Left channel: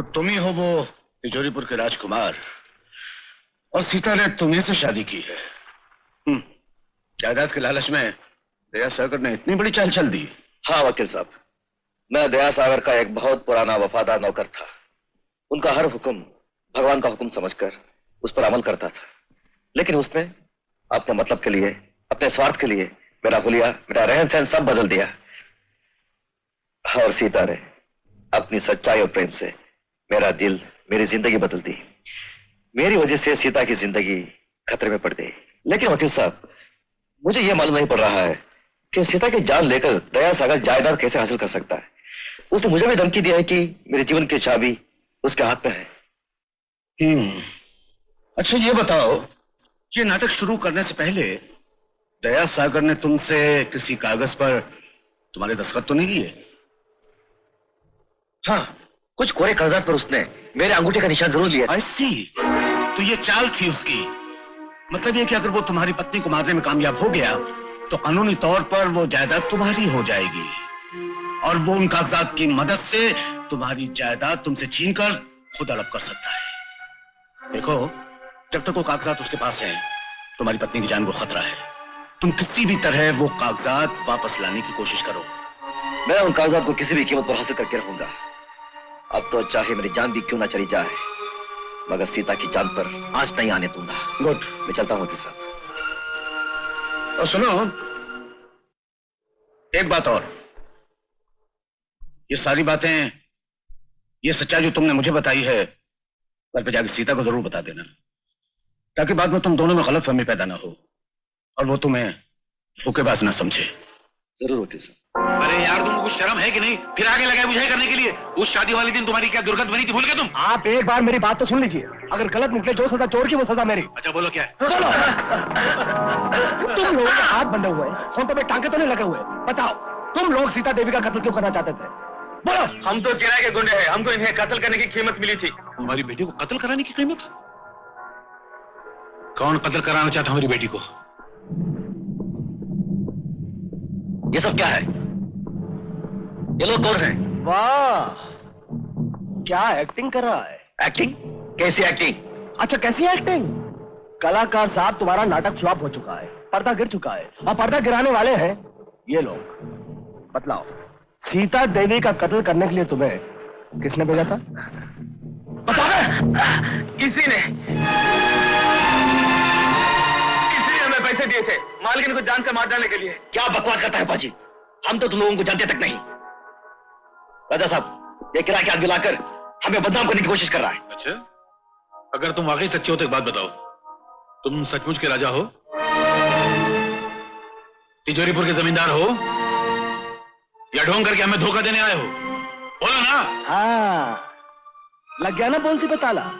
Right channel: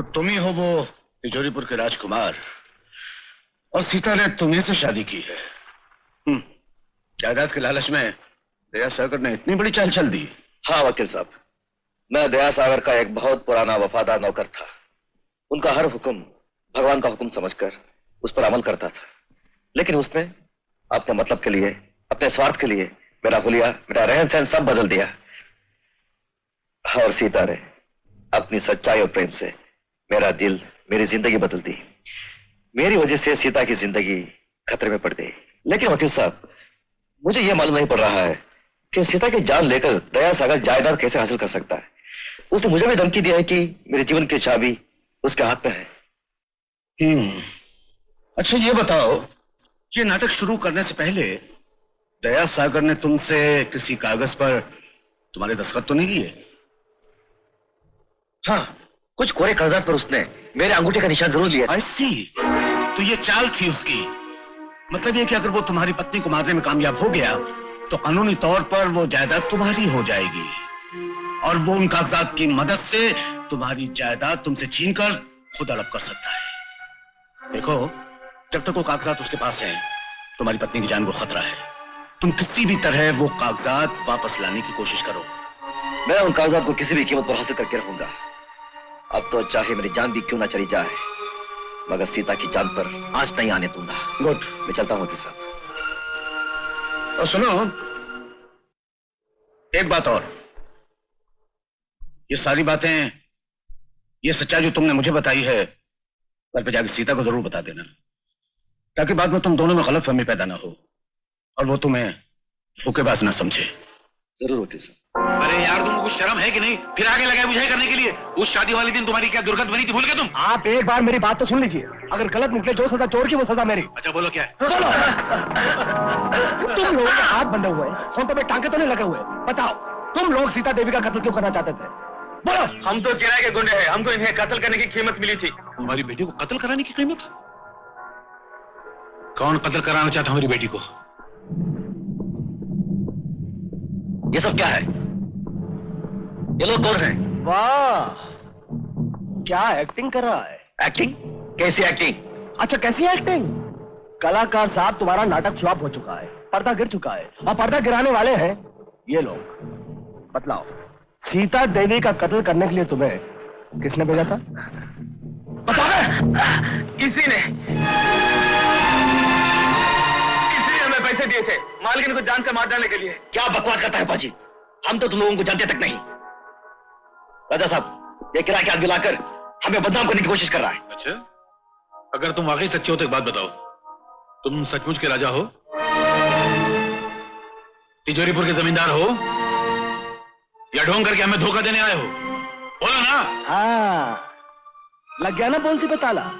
तो तुम ही हो वो तिजोरीपुर के राजकुमार और सीता ने तुम्हें से शादी की है। जायदाद के लालच में दया सागर ने इतनी बड़ी चाल चल दी। हाँ वकील साहब, मैं दया सागर का एक बहुत पुराना वफादार नौकर था। उनका हर हुक्म भगवान का हुक्म समझकर उस पर अमल करता था, लेकिन उसने अपने मतलब के लिए, अपने स्वार्थ के लिए मेरा हुलिया, मेरा रहन सहन सब बदल दिया। और सीता ने अपनी सच्चाई और प्रेम से मेरा दिल, मेरी जिंदगी बदल दी। मेरी वजह से सीता की जिंदगी खतरे में पड़ गई। लेकिन वकील साहब, मुझे यह मालूम नहीं पड़ रहा है कि सीता की जान लेकर दया सागर जायदाद कैसे हासिल कर सकता है। उसने मुझे भी धमकी दिया है कि मेरे जीवन की चाबी उसके हाथ में है। अच्छा ये बताओ, ये नाटक शुरू करने से पहले दया सागर ने तुमसे किसी कागज पर तुम्हारे दस्तखत तो नहीं लिए? हाँ, कुछ कोरे कागजात पर उसने मेरे अंगूठे का निशान जरूर लिया। ऐसी तो ये चाल थी उसकी। मतलब ये कि अगर वो तुम्हारी पत्नी को मारने में कामयाब हो गया तो कानूनी तौर पर वो जायदाद तुम्हारी हो जाएगी और वो उन कागजात की मदद से तुम्हारी जायदाद तुमसे छीनकर खुद हड़प कर सकता है। देखो, जब तक वो कागजात उसके पास हैं, तुम्हारी पत्नी की जान को खतरा है। तुम किसी भी तरह वो कागजात वापस लाने की कोशिश करो। मैं उन कागजात को किसी भी कीमत पर हासिल करके रहूंगा। अब तो चाहे मेरी जान भी क्यों ना चली जाए, मगर सीता की जान पर आंच नहीं आने दूंगा। गुड, मैं चलता हूँ साहब। और सुनो, एक बात और, ये सारी बातें, ये सच्चाई जो तुमने मुझे बताई है, घर पे जाकर सीता को जरूर बता देना, ताकि बाद में तुम दोनों में गलतफहमी पैदा ना हो और वो तुम्हें धोखेबाज ना समझे। जरूर वकील साहब। अरे यार, तुमको कुछ शर्म है कि नहीं? फिर आगे लगे बुझाई करने के लिए। उस शादी वाले दिन तुम्हारी क्या दुर्गत बनी थी, भूल गए तुम? आप एक बार मेरी बात तो सुन लीजिए। अगर गलत निकले जो सजा चोर की वो सजा मेरी। अच्छा बोलो क्या है? बोलो। तुम लोगों के हाथ बंधे हुए, होंठों पे टांके तो नहीं लगे हुए? बताओ, तुम लोग सीता देवी का कत्ल क्यों करना चाहते थे? बोलो। हम तो किराए के गुंडे हैं, हमको इन्हें कत्ल करने की कीमत मिली थी। हमारी बेटी को कत्ल कराने की कीमत? कौन कत्ल कराना चाहता हमारी बेटी को? ये सब क्या है? ये लोग कौन हैं? वाह, क्या एक्टिंग कर रहा है? एक्टिंग? कैसी एक्टिंग? अच्छा, कैसी एक्टिंग? कलाकार साहब, तुम्हारा नाटक फ्लॉप हो चुका है, पर्दा गिर चुका है और पर्दा गिराने वाले हैं ये लोग। बतलाओ, सीता देवी का कत्ल करने के लिए तुम्हें किसने भेजा था? बताओ। किसी ने हमें पैसे दिए थे मालकिन को जान से मार डालने के लिए। क्या बकवास करता है पाजी? हम तो तुम लोगों को जानते तक नहीं। राजा साहब, ये किराए के आदमी लाकर हमें बदनाम करने की कोशिश कर रहा है। अच्छा, अगर तुम वाकई सच्चे हो तो एक बात बताओ, तुम सचमुच के राजा हो? तिजोरीपुर के जमींदार हो या ढोंग करके हमें धोखा देने आए हो? बोलो ना। हाँ, लग गया ना बोलती पे ताला।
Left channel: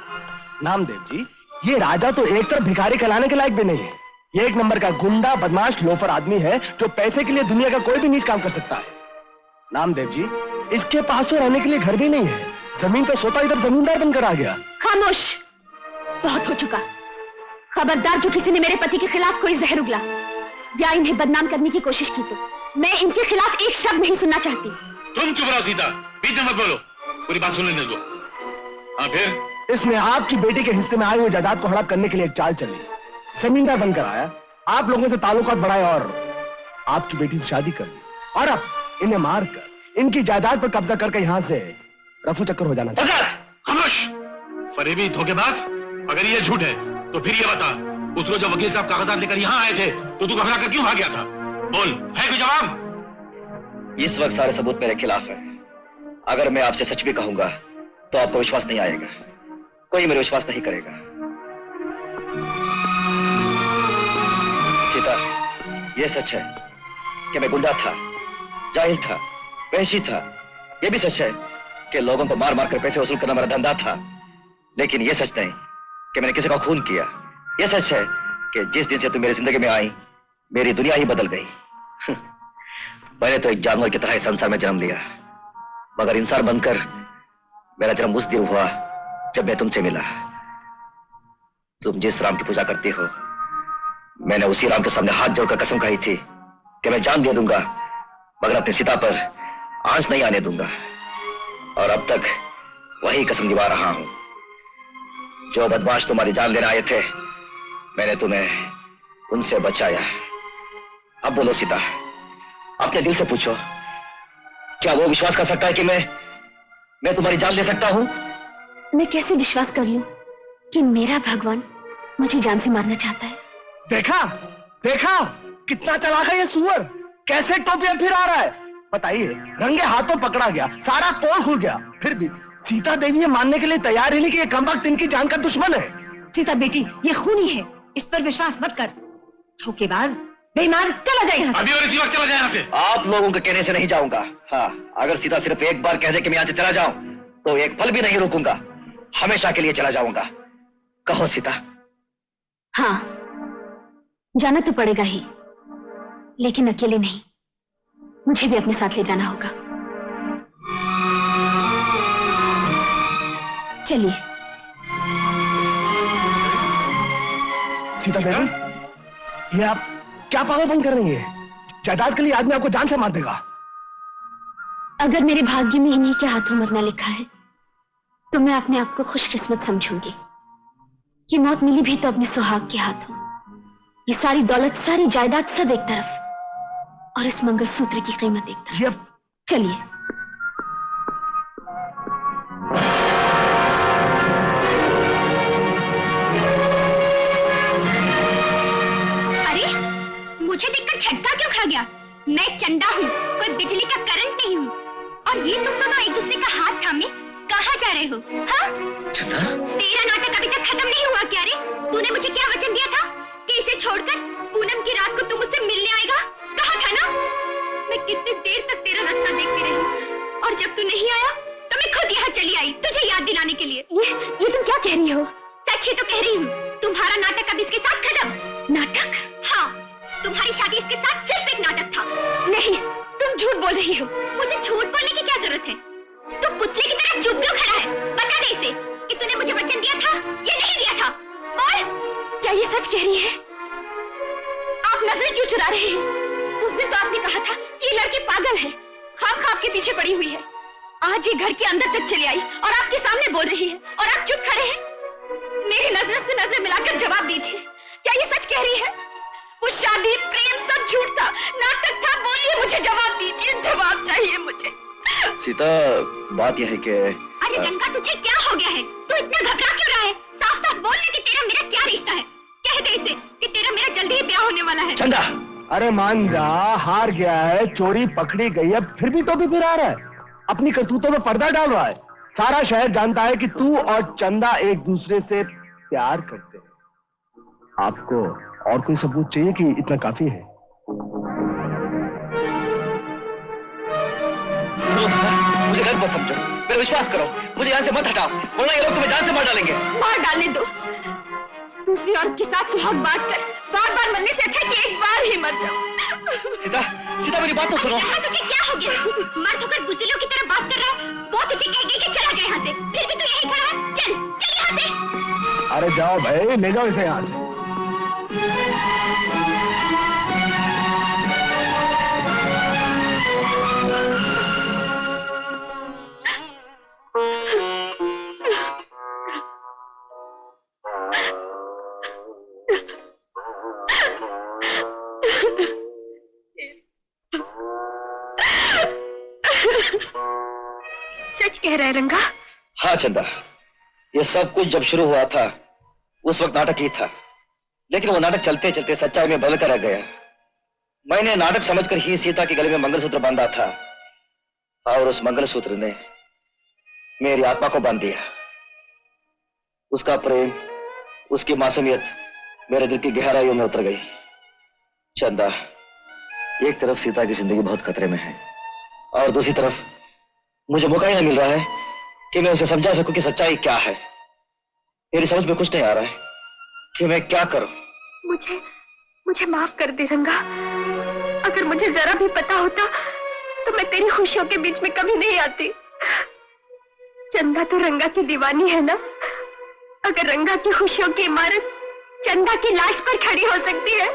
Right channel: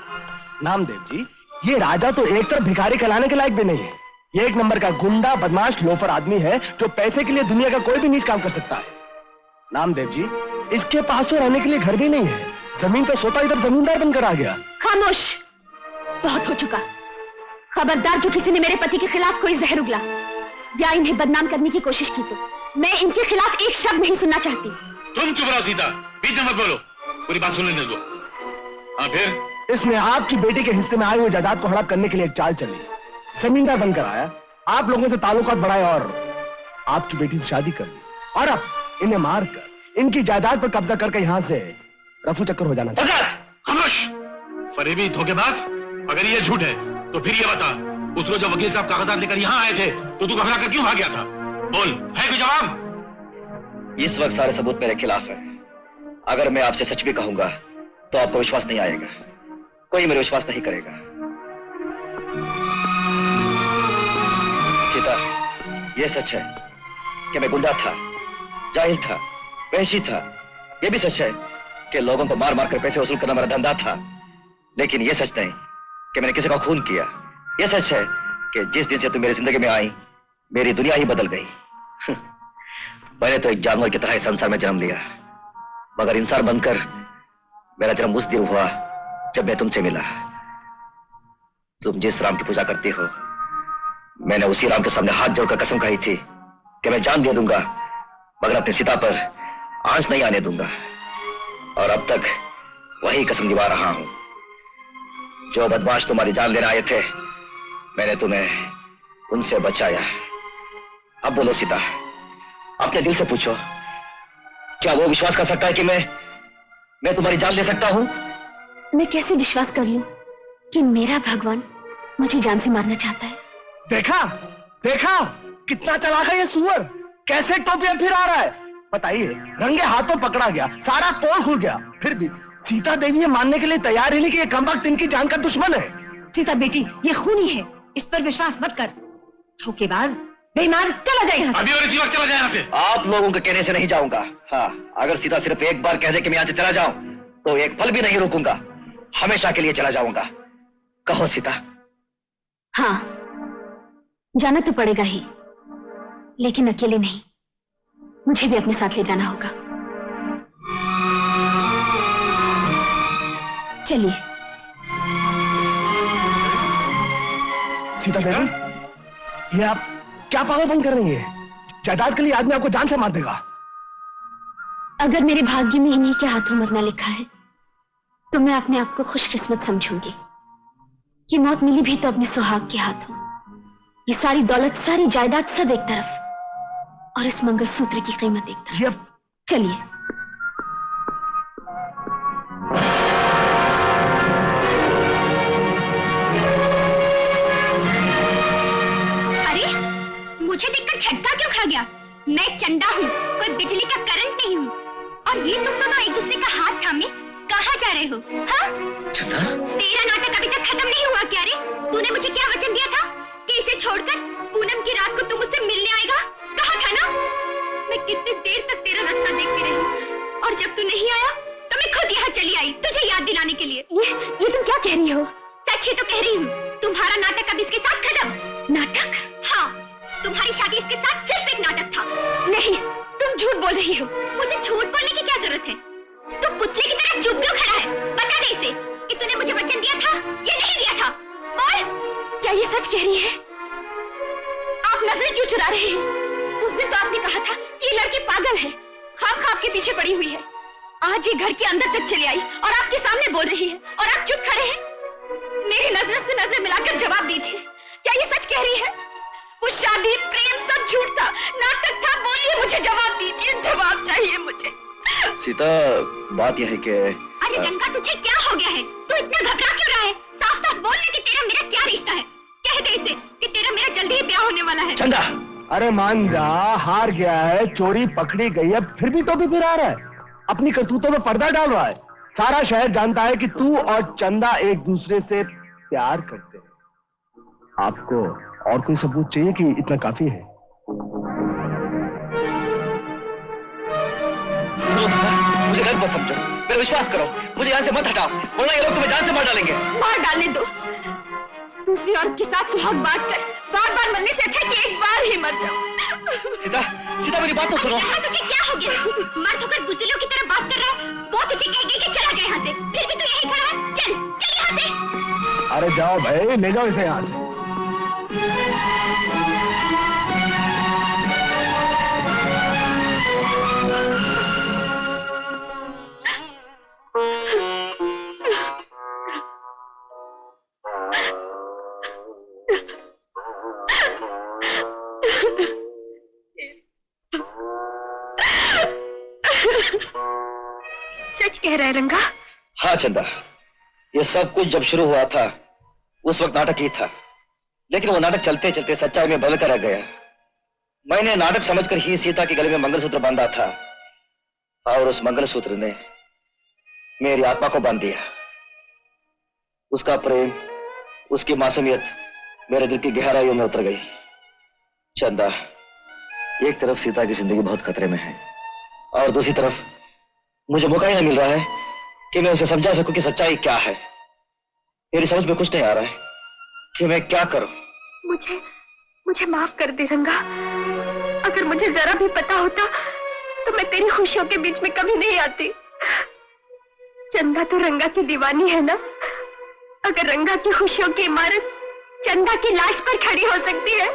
नामदेव जी, ये राजा तो एक तरफ भिखारी कहलाने के लायक भी नहीं है। ये एक नंबर का गुंडा, बदमाश, लोफर आदमी है जो पैसे के लिए दुनिया का कोई भी नीच काम कर सकता है। नामदेव जी, इसके पास तो रहने के लिए घर भी नहीं है, जमीन पे सोता इधर जमींदार बनकर आ गया। खामोश, बहुत हो चुका। खबरदार जो किसी ने मेरे पति के खिलाफ कोई जहर उगला या इन्हें बदनाम करने की कोशिश की तो मैं इनके खिलाफ एक शब्द नहीं सुनना चाहती। तुम चुप रहो सीता, बीच में मत बोलो, पूरी बात सुन लेने दो। हाँ फिर? इसने आपकी बेटी के हिस्से में आए हुए जायदाद को हड़प करने के लिए एक चाल चली। जमींदार बनकर आया, आप लोगों से ताल्लुकात बढ़ाए और आपकी बेटी से शादी कर ली और अब इन्हें मारकर इनकी जायदाद पर कब्जा करके यहां से रफू चक्कर हो जाना चाहिए। खामोश, फरेबी, धोखेबाज। अगर ये झूठ है तो फिर ये बता, उस रोज जब वकील साहब कागजात लेकर यहाँ आए थे तो तू घबरा कर क्यों भाग गया था? बोल, है कोई जवाब? इस वक्त सारे सबूत मेरे खिलाफ है। अगर मैं आपसे सच भी कहूंगा तो आपको विश्वास नहीं आएगा, कोई मेरे विश्वास नहीं करेगा। सीता, यह सच है कि मैं गुंडा था, जाहिल था, वहशी था। यह भी सच है कि लोगों को मार मार कर पैसे वसूल करना मेरा धंधा था। लेकिन यह सच नहीं कि मैंने किसी का खून किया। यह सच है कि जिस दिन से तुम मेरी जिंदगी में आई, मेरी दुनिया ही बदल गई। मैंने तो एक जानवर की तरह इस संसार में जन्म लिया, मगर इंसान बनकर मेरा जन्म उस दिन हुआ जब मैं तुमसे मिला। तुम जिस राम की पूजा करती हो, मैंने उसी राम के सामने हाथ जोड़कर कसम खाई थी कि मैं जान दे दूंगा मगर अपनी सीता पर आंच नहीं आने दूंगा। और अब तक वही कसम निभा रहा हूं। जो बदमाश तुम्हारी जान लेने आए थे, मैंने तुम्हें उनसे बचाया। अब बोलो सीता, अपने दिल से पूछो, क्या वो विश्वास कर सकता है कि मैं तुम्हारी जान ले सकता हूं? मैं कैसे विश्वास कर लूं कि मेरा भगवान मुझे जान से मारना चाहता है? देखा देखा, कितना चालाक है ये सुअर, कैसे टोपियां फिर आ रहा है। बताइए, रंगे हाथों पकड़ा गया, सारा पोल खुल गया, फिर भी सीता देवी ये मानने के लिए तैयार ही नहीं कि ये कमबख्त इनकी जान का दुश्मन है। सीता बेटी, ये खूनी है, इस पर विश्वास मत कर। धोखेबाज, बेईमान, चला जाए यहाँ से। अभी और इसी वक्त चला जाए यहाँ से। आप लोगों के कहने से नहीं जाऊंगा। हाँ, अगर सीता सिर्फ एक बार कह दे कि मैं यहाँ से चला जाऊं, तो एक पल भी नहीं रुकूंगा, हमेशा के लिए चला जाऊंगा। कहो सीता। हाँ, जाना तो पड़ेगा ही, लेकिन अकेले नहीं, मुझे भी अपने साथ ले जाना होगा। चलिए। सीता देवी, ये आप क्या पागलपन कर रही है? जायदाद के लिए आदमी आपको जान से मार देगा। अगर मेरे भाग्य में इन्हीं के हाथों मरना लिखा है, तो मैं अपने आप को खुशकिस्मत समझूंगी कि मौत मिली भी तो अपने सुहाग के हाथों। ये सारी दौलत, सारी जायदाद सब एक तरफ, और इस मंगलसूत्र की कीमत एक तरफ। चलिए। अरे, मुझे देखकर झटका क्यों खा गया? मैं चंदा हूँ, कोई बिजली का करंट नहीं हूँ। और ये तुम दोनों एक दूसरे का हाथ थामे कहाँ जा रहे हो? हाँ? चंदा? तेरा नाटक अभी तक खत्म नहीं हुआ क्या रे? तूने मुझे क्या वचन दिया था कि इसे छोड़कर पूनम की रात को तुम मुझसे मिलने आएगा? कहा था ना? मैं कितनी देर तक तेरा रास्ता देखती रही, और जब तू नहीं आया तो मैं खुद यहाँ चली आई तुझे याद दिलाने के लिए। ये तुम क्या कह रही हो? सच ही तो कह रही हूँ। तुम्हारा नाटक अब इसके साथ खत्म। नाटक? हाँ, तुम्हारी शादी इसके साथ सिर्फ एक नाटक था। नहीं, तुम झूठ बोल रही हो। मुझे झूठ बोलने की क्या जरूरत है? तू पुतले की तरह चुप क्यों खड़ा है? बता दे इसे कि तूने मुझे वचन दिया था या नहीं दिया था। और क्या ये सच कह रही है? आप नजर क्यों चुरा रहे हैं? उस दिन तो आपने कहा था कि ये लड़की पागल है, ख्वाब के पीछे पड़ी हुई है। आज ये घर के अंदर तक चली आई और आपके सामने बोल रही है, और आप चुप खड़े हैं। मेरी नजर से नजर मिलाकर जवाब दीजिए, क्या ये सच कह रही है? वो शादी, प्रेम सब झूठ था, नाटक था। बोलिए, मुझे जवाब दीजिए, जवाब चाहिए मुझे। सीता, बात यह है कि अरे रंगा, तुझे क्या हो गया है? तू इतना घबरा क्यों रहा है? साफ साफ बोल ले कि तेरा मेरा क्या रिश्ता है। कह दे इसे कि तेरा मेरा जल्दी ही ब्याह होने वाला है। चंदा! अरे मान जा, हार गया है, चोरी पकड़ी गई है, फिर भी तो भी फिर आ रहा है, अपनी करतूतों में पर्दा डाल रहा है। सारा शहर जानता है कि तू और चंदा एक दूसरे से प्यार करते हैं। आपको और कोई सबूत चाहिए कि इतना काफी है? मुझे गलत मत समझो, मेरा विश्वास करो, मुझे यहाँ से मत हटाओ, वरना ये लोग तुम्हें जान से मार डालेंगे। मार डालने दो। दूसरी औरत के साथ सुहाग बांटकर बार बार मरने से अच्छा कि एक बार ही मर जाओ। सीता, सीता मेरी बात तो सुनो। तुझे क्या हो गया? मर्द होकर बुजुर्गों की तरह बात कर रहा है। वो तुझे कह के चला गया यहाँ से, फिर भी तू यहीं खड़ा है। चल चल यहाँ से। अरे जाओ भाई, ले जाओ इसे यहाँ से। सच कह रहा है रंगा? हाँ चंदा, ये सब कुछ जब शुरू हुआ था उस वक्त नाटक ही था, लेकिन वो नाटक चलते चलते सच्चाई में बदल कर रह गया। मैंने नाटक समझकर ही सीता के गले में मंगलसूत्र बांधा था, और उस मंगलसूत्र ने मेरी आत्मा को बांध दिया। उसका प्रेम, उसकी मासूमियत मेरे दिल की गहराइयों में उतर गई। चंदा, एक तरफ सीता की जिंदगी बहुत खतरे में है, और दूसरी तरफ मुझे मौका ही नहीं मिल रहा है कि मैं उसे समझा सकूं कि सच्चाई क्या है। मेरी समझ में कुछ नहीं आ रहा है कि मैं क्या करूं। मुझे माफ कर दे रंगा। अगर मुझे जरा भी पता होता तो मैं तेरी खुशियों के बीच में कभी नहीं आती। चंदा तो रंगा की दीवानी है ना। अगर रंगा की खुशियों की इमारत चंदा की लाश पर खड़ी हो सकती है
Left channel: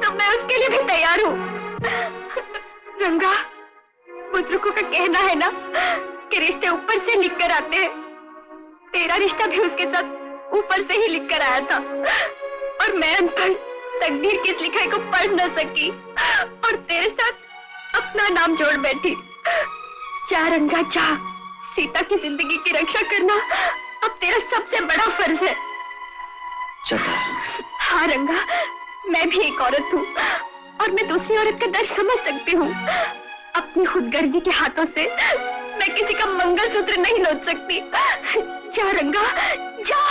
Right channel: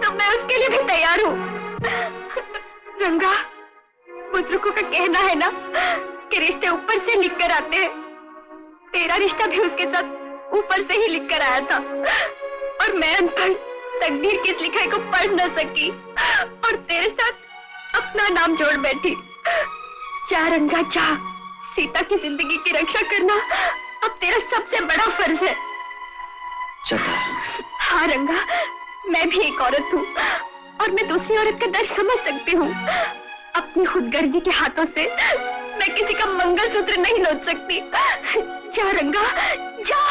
तो मैं उसके लिए भी तैयार हूँ। रंगा, बुजुर्गों का कहना है ना कि रिश्ते ऊपर से लिख कर आते हैं तेरा रिश्ता भी उसके साथ ऊपर से ही लिख कर आया था और मैं अनपढ़ तकदीर की इस लिखाई को पढ़ न सकी और तेरे साथ अपना नाम जोड़ बैठी। जा रंगा जा, सीता की जिंदगी की रक्षा करना अब तेरा सबसे बड़ा फर्ज है। चंदा। हाँ रंगा, मैं भी एक औरत हूँ और मैं दूसरी औरत का दर्द समझ सकती हूँ। अपनी खुदगर्जी के हाथों से मैं किसी का मंगलसूत्र नहीं नोच सकती। जा रंगा जा।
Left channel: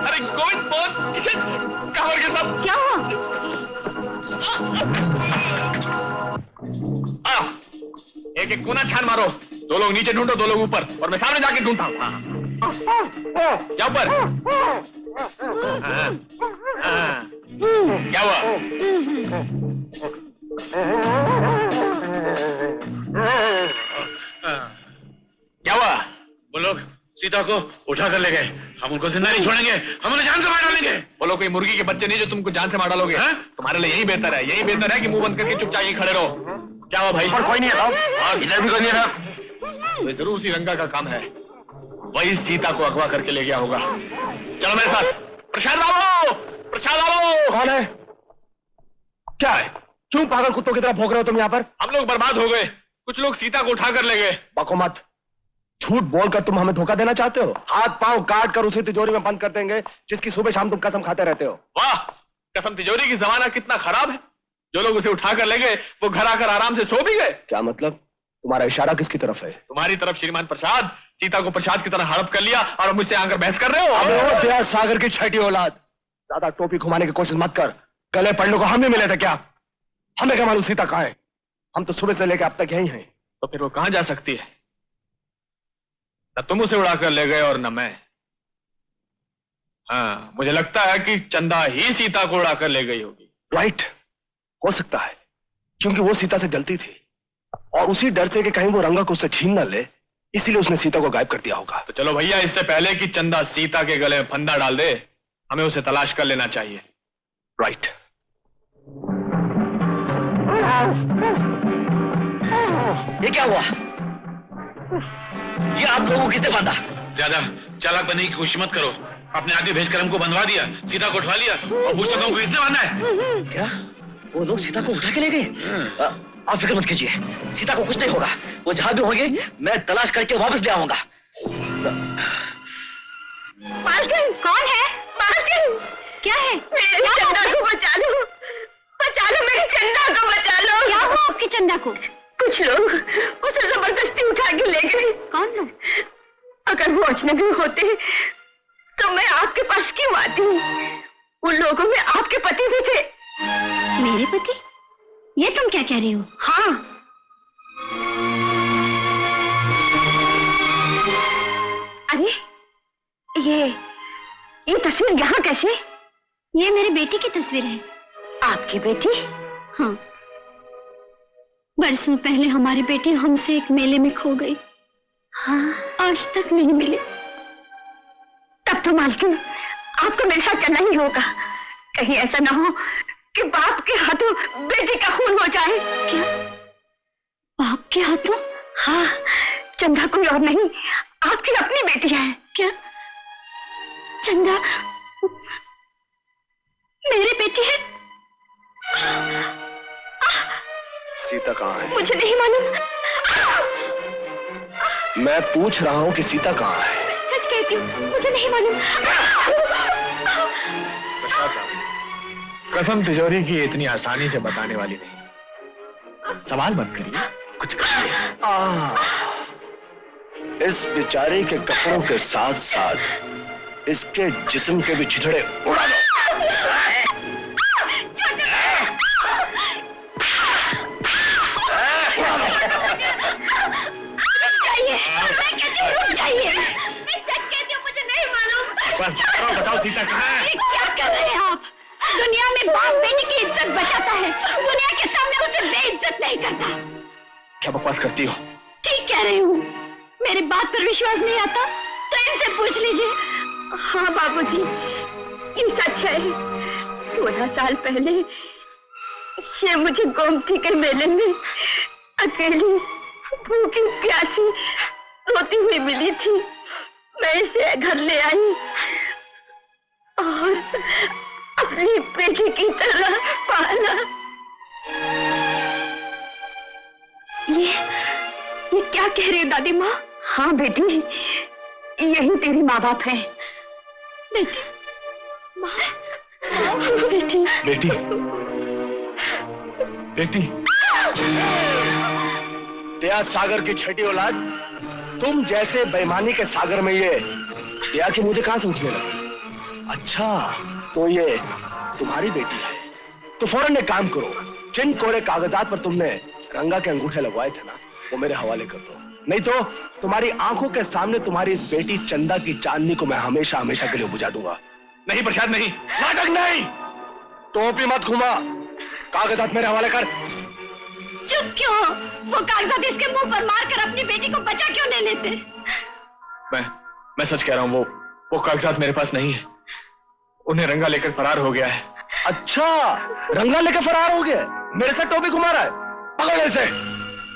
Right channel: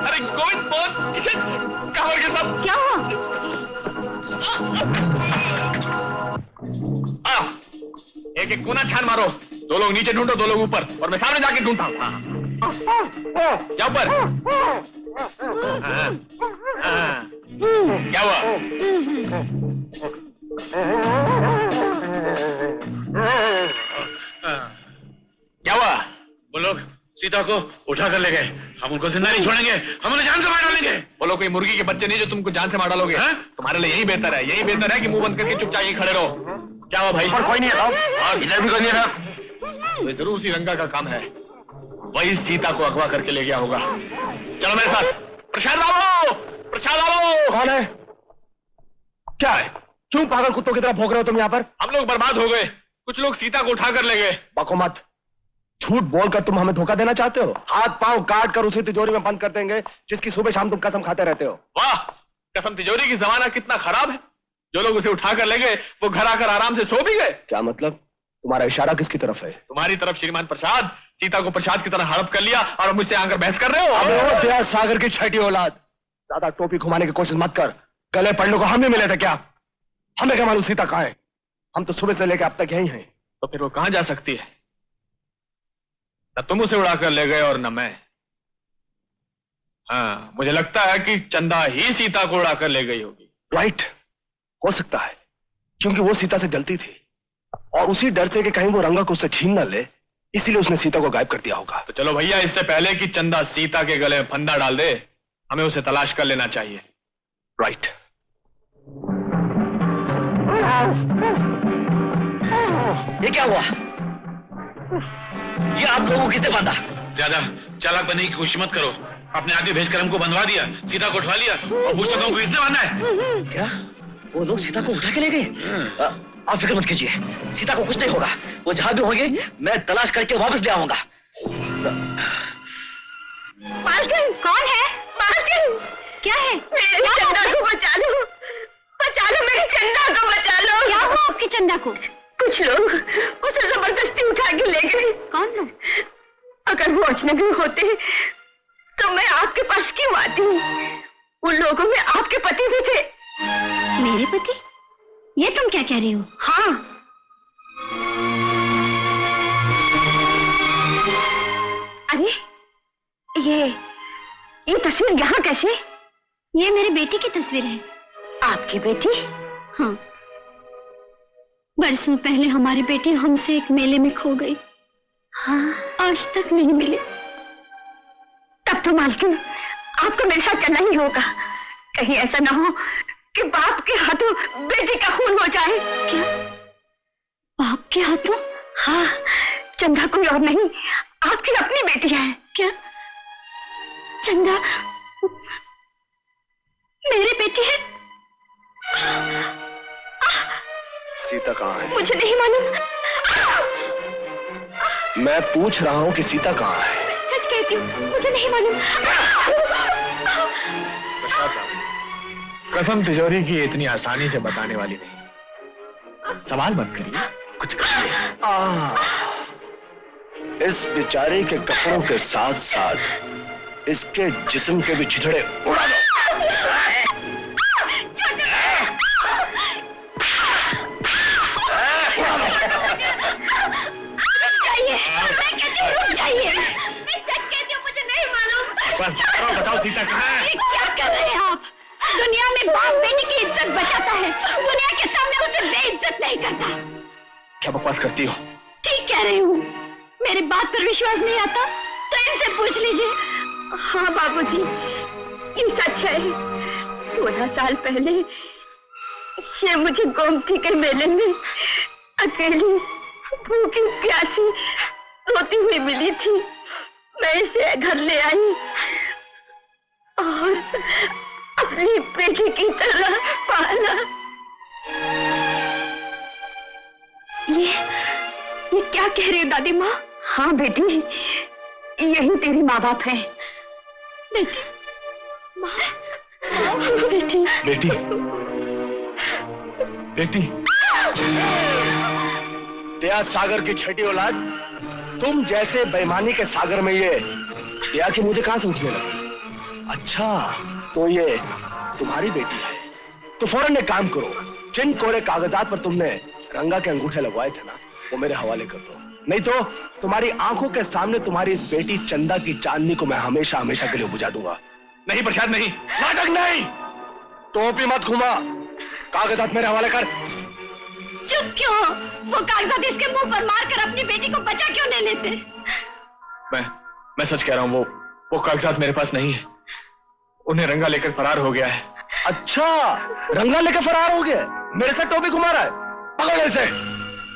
अरे गोविंद बहुत किशन कहाँ हो गया सब? क्या हुआ? एक एक कोना छान मारो। दो लोग नीचे ढूंढो, दो लोग ऊपर, और मैं सामने जाके ढूंढता हूँ। क्या ऊपर? क्या हुआ? क्या हुआ? वो लोग सीता को उठा कर ले गए। हम उनको जिंदा नहीं छोड़ेंगे, हम उन्हें जान से मार डालेंगे। बोलो कोई मुर्गी के बच्चे नहीं जो तुमको जान से मार डालोगे? तुम्हारे लिए यही बेहतर है, यही बेहतर है कि मुंह बंद करके चुपचाप ही खड़े रहो। क्या हुआ भाई? और कोई नहीं है, इधर भी कोई नहीं है। तो जरूर उसी रंगा का काम है, वही सीता को अगवा करके ले गया होगा। चलो मेरे साथ। प्रसाद लाओ, प्रसाद लाओ। कौन है? क्या है? क्यों पागल कुत्तों की तरह भौंक रहे हो तुम यहाँ पर? हम लोग बर्बाद हो गए, कुछ लोग सीता को उठा कर ले गए। बको मत, झूठ बोलकर तुम हमें धोखा देना चाहते हो। हाथ पांव काट कर उसी तिजोरी में बंद कर देंगे जिसकी सुबह शाम तुम कसम खाते रहते हो। वाह, कसम तिजोरी की जमाना कितना खराब है। जो लोग उसे उठा कर ले गए वो घर आकर आराम से सो भी गए। क्या मतलब? तुम्हारा इशारा किसकी तरफ है? तुम्हारी तरफ श्रीमान प्रसाद। सीता को प्रसाद की तरह हड़प कर लिया और मुझसे आकर बहस कर रहे हो। अबे दया सागर की छठी औलाद, ज्यादा टोपी घुमाने की कोशिश मत कर। गले पड़ने को हम ही मिले थे क्या? हमें क्या मालूम सीता कहाँ है? हम तो सुबह से लेकर अब तक यहीं हैं। तो फिर वो कहां जा सकती है? न तुम उसे उड़ाकर ले गए और न मैं। हाँ, मुझे लगता है कि चंदा ही सीता को उड़ाकर ले गई होगी। राइट, हो सकता है, क्योंकि वो सीता से जलती थी और उसी डर से कि कहीं वो रंगा को उससे छीन न ले, इसीलिए उसने सीता को गायब कर दिया होगा। तो चलो भैया, इससे पहले कि चंदा सीता के गले में फंदा डाल दे, हमें उसे तलाश कर लेना चाहिए। राइट। ये क्या हुआ? ये आप लोगों को किसने बांधा? ज्यादा चालाक बनने की कोशिश मत करो। अपने आदमी भेजकर हमको बंधवा दिया, सीता को उठवा लिया और पूछता हूँ किसने बांधा है? क्या वो लोग सीता को उठा के ले गए? आप फिक्र मत कीजिए, सीता को कुछ नहीं होगा। वो जहां भी होंगे मैं तलाश करके वापस ले आऊंगा। मालकिन, कौन है? मालकिन, क्या है? मेरे चंदा को बचा लो, बचा लो, मेरे चंदा को बचा लो। क्या हुआ आपके चंदा को? कुछ लोग उसे जबरदस्ती उठा के ले गए। कौन लोग? अगर वो अजनबी होते तो मैं आपके पास क्यों आती? उन लोगों में आपके पति भी थे। मेरे पति? ये तुम क्या कह रही हो? हाँ। अरे ये तस्वीर यहाँ कैसे? ये मेरी बेटी की तस्वीर है। आपकी बेटी? हाँ, बरसों पहले हमारी बेटी हमसे एक मेले में खो गई। हाँ, आज तक नहीं मिली। तब तो मालकिन आपको मेरे साथ चलना ही होगा। कहीं ऐसा ना हो कि बाप के हाथों बेटी का खून हो जाए। क्या? बाप के हाथों? हाँ, चंदा कोई और नहीं, आपकी अपनी बेटी है। क्या? चंदा मेरी बेटी है? सीता कहाँ है? मुझे नहीं मालूम। मैं पूछ रहा हूँ कि सीता कहाँ है? सच कहती हूँ, मुझे नहीं मालूम। कसम तिजोरी की इतनी आसानी से बताने वाली नहीं। सवाल मत करिए, कुछ करिए। इस बेचारे के कपड़ों के साथ साथ इसके जिस्म के भी छितड़े उड़ा दो। मुझे नहीं मालूम। बताओ सीता कहाँ है? क्या कर रहे हैं आप? दुनिया में बाप बेटी की इज्जत बचाता है, दुनिया के सामने उसे बेइज्जत नहीं करता। क्या बकवास करती हो? ठीक कह रही हूँ। मेरी बात पर विश्वास नहीं आता तो इनसे पूछ लीजिए। हाँ बाबूजी, ये सच है। 16 साल पहले ये मुझे गोमती के मेले में अकेली भूखी प्यासी रोती हुई मिली थी। मैं इसे घर ले आई और अपनी बेटी की तरह पाला। ये क्या कह रही हो दादी माँ? हाँ बेटी, यही तेरे माँ बाप हैं। बेटी, माँ, बेटी, बेटी, बेटी, दया सागर की छठी औलाद, तुम जैसे बेईमानी के सागर में ये दया की मुझे कहां से उठने लगी? अच्छा, तो ये तुम्हारी बेटी है। तो फौरन एक काम करो, जिन कोरे कागजात पर तुमने रंगा के अंगूठे लगवाए थे ना, वो मेरे हवाले कर दो। नहीं तो तुम्हारी आंखों के सामने तुम्हारी इस बेटी चंदा की चांदनी को मैं हमेशा हमेशा के लिए बुझा दूंगा। नहीं प्रसाद, नहीं। नाटक नहीं, टोपी मत घुमा, कागजात मेरे हवाले कर। चुप क्यों? वो कागजात इसके मुंह पर मारकर अपनी बेटी को बचा क्यों नहीं लेते? मैं सच कह रहा हूँ, वो कागजात मेरे पास नहीं है। उन्हें रंगा लेकर फरार हो गया है। अच्छा, रंगा लेकर फरार हो गया? मेरे साथ टोपी घुमा रहा है? पकड़ो इसे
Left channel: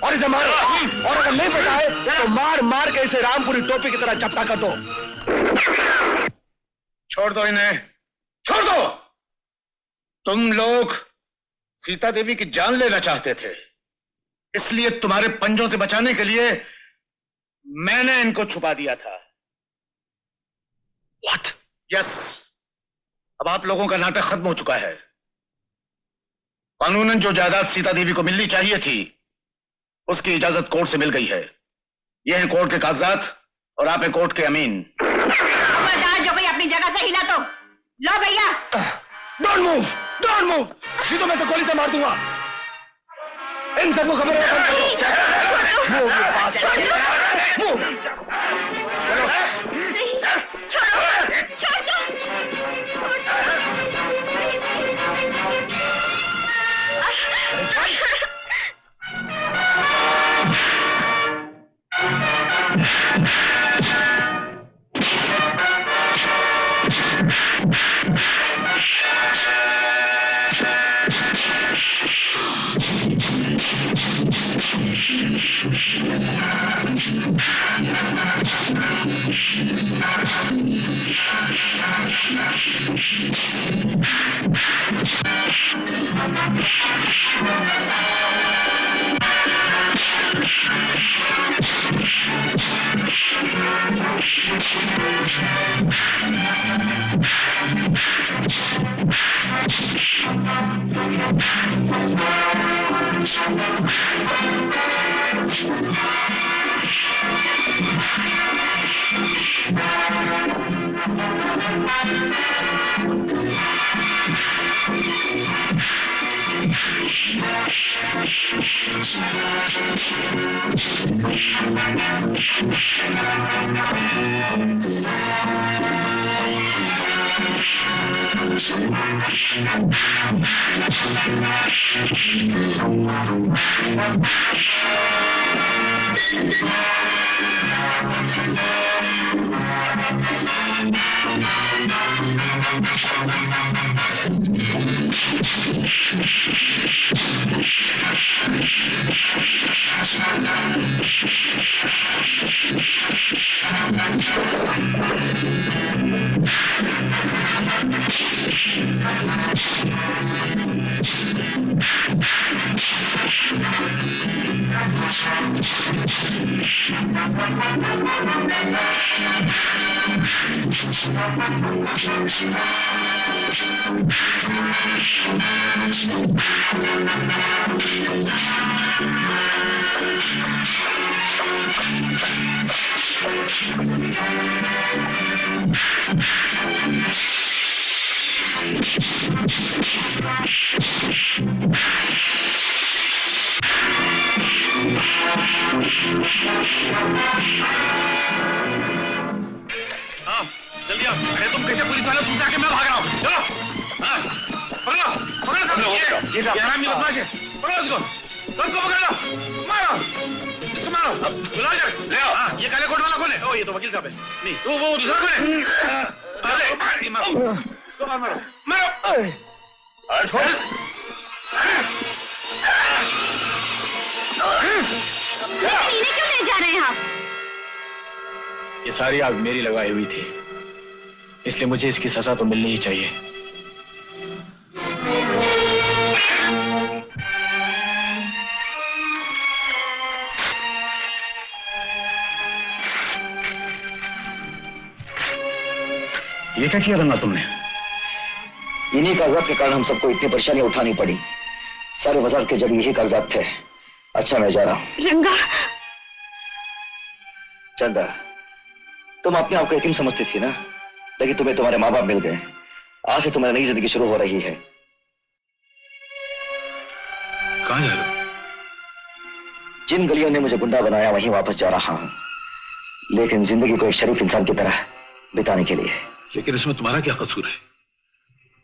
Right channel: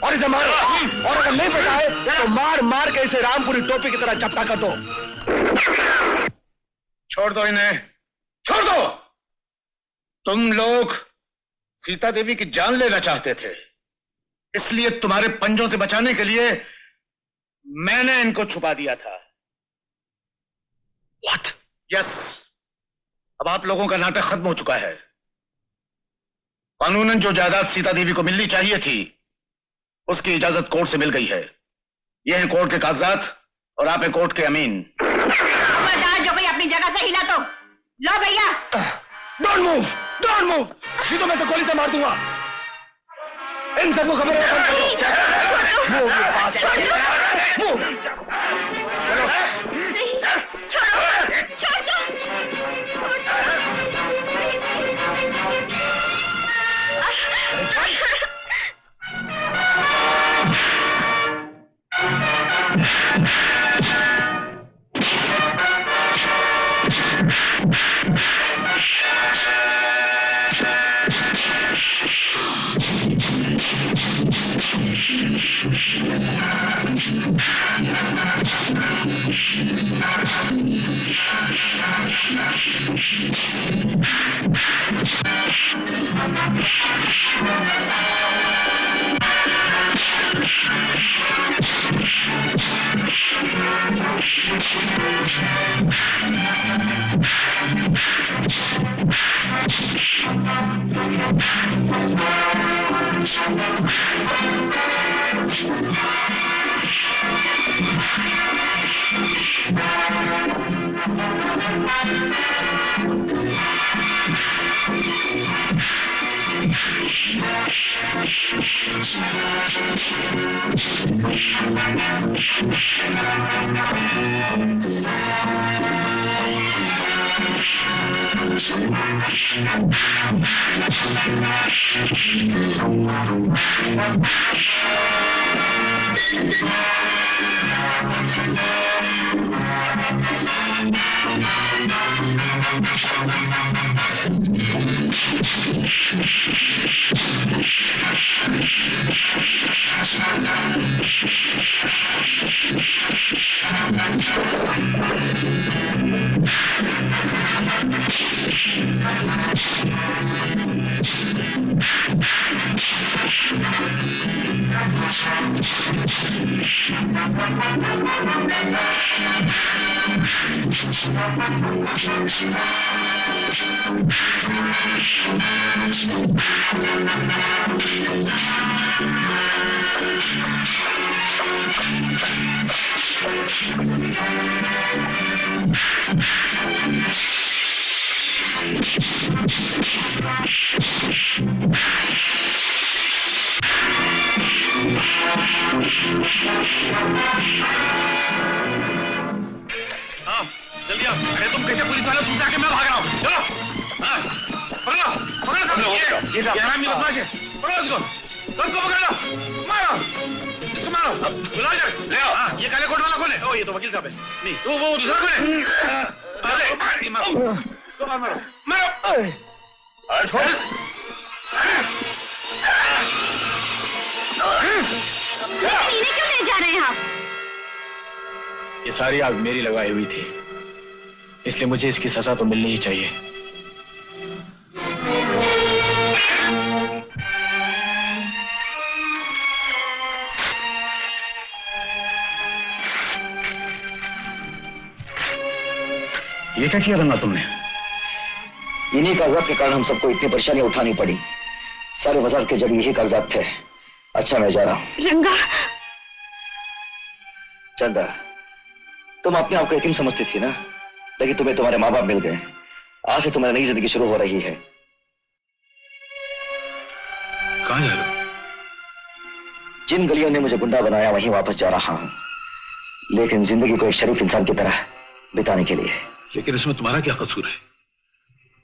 और इसे मारो, और अगर नहीं पता है तो मार मार के इसे रामपुरी टोपी की तरह चपटा कर दो। छोड़ दो इन्हें, छोड़ दो। तुम लोग सीता देवी की जान लेना चाहते थे, इसलिए तुम्हारे पंजों से बचाने के लिए मैंने इनको छुपा दिया था। What? यस, अब आप लोगों का नाटक खत्म हो चुका है। कानूनन जो जायदाद सीता देवी को मिलनी चाहिए थी, उसकी इजाजत कोर्ट से मिल गई है। ये हैं कोर्ट के कागजात और आप हैं कोर्ट के अमीन। जो कोई अपनी जगह से हिला तो लो भैया। डोंट मूव, डोंट मूव, नहीं तो मैं तो गोली से मार दूंगा। इन सबको खबर है। छोड़ दो। हाँ, जल्दी आओ। अरे तुम कैसे पुलिस वाले सूचना के मैं भाग रहा हूँ। चलो, हाँ, पकड़ो, पकड़ो सब। ये हरामी बदमाश है। पकड़ो उसको, सबको पकड़ लो, मारो, मारो। बुलाओ इधर, ले आओ। हाँ, ये काले कोट वाला कौन है? ओ, ये तो वकील साहब है। नहीं, वो दूसरा कौन है? अरे, मारो, तो मारो, मारो। छोड़। पीने क्यों नहीं जा रहे हैं आप? ये सारी आग मेरी लगाई हुई थी, इसलिए मुझे इसकी सजा तो मिलनी ही चाहिए। ये क्या किया रंगा तुमने? इन्हीं कागजात के कारण हम सबको इतनी परेशानियां उठानी पड़ी। सारे बाजार के जरिए यही कागजात थे। अच्छा, मैं जा रहा हूं। रंगा, चंदा, तुम अपने आप को यतीम समझती थी ना, लेकिन तुम्हें तुम्हारे माँ बाप मिल गए। आज से तुम्हारी नई जिंदगी शुरू हो रही है। कहाँ जा रहे हो? जिन गलियों ने मुझे गुंडा बनाया वहीं वापस जा रहा हूं, लेकिन जिंदगी को एक शरीफ इंसान की तरह बिताने के लिए। लेकिन इसमें तुम्हारा क्या कसूर है?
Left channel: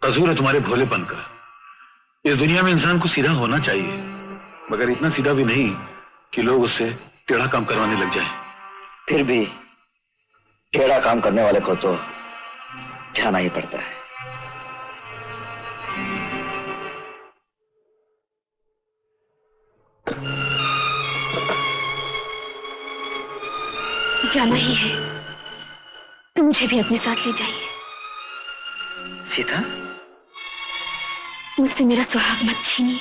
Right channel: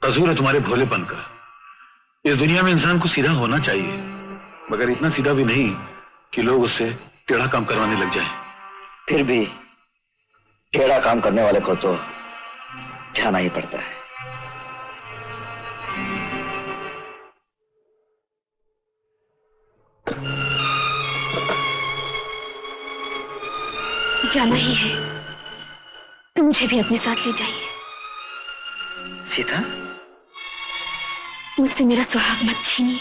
कसूर है तुम्हारे भोलेपन का। इस दुनिया में इंसान को सीधा होना चाहिए, मगर इतना सीधा भी नहीं कि लोग उससे टेढ़ा काम करवाने लग जाएं। फिर भी टेढ़ा काम करने वाले को तो जाना ही पड़ता है। जाना ही है तो मुझे भी अपने साथ ले जाइए। सीता, मुझसे मेरा सुहाग मत छीनिए।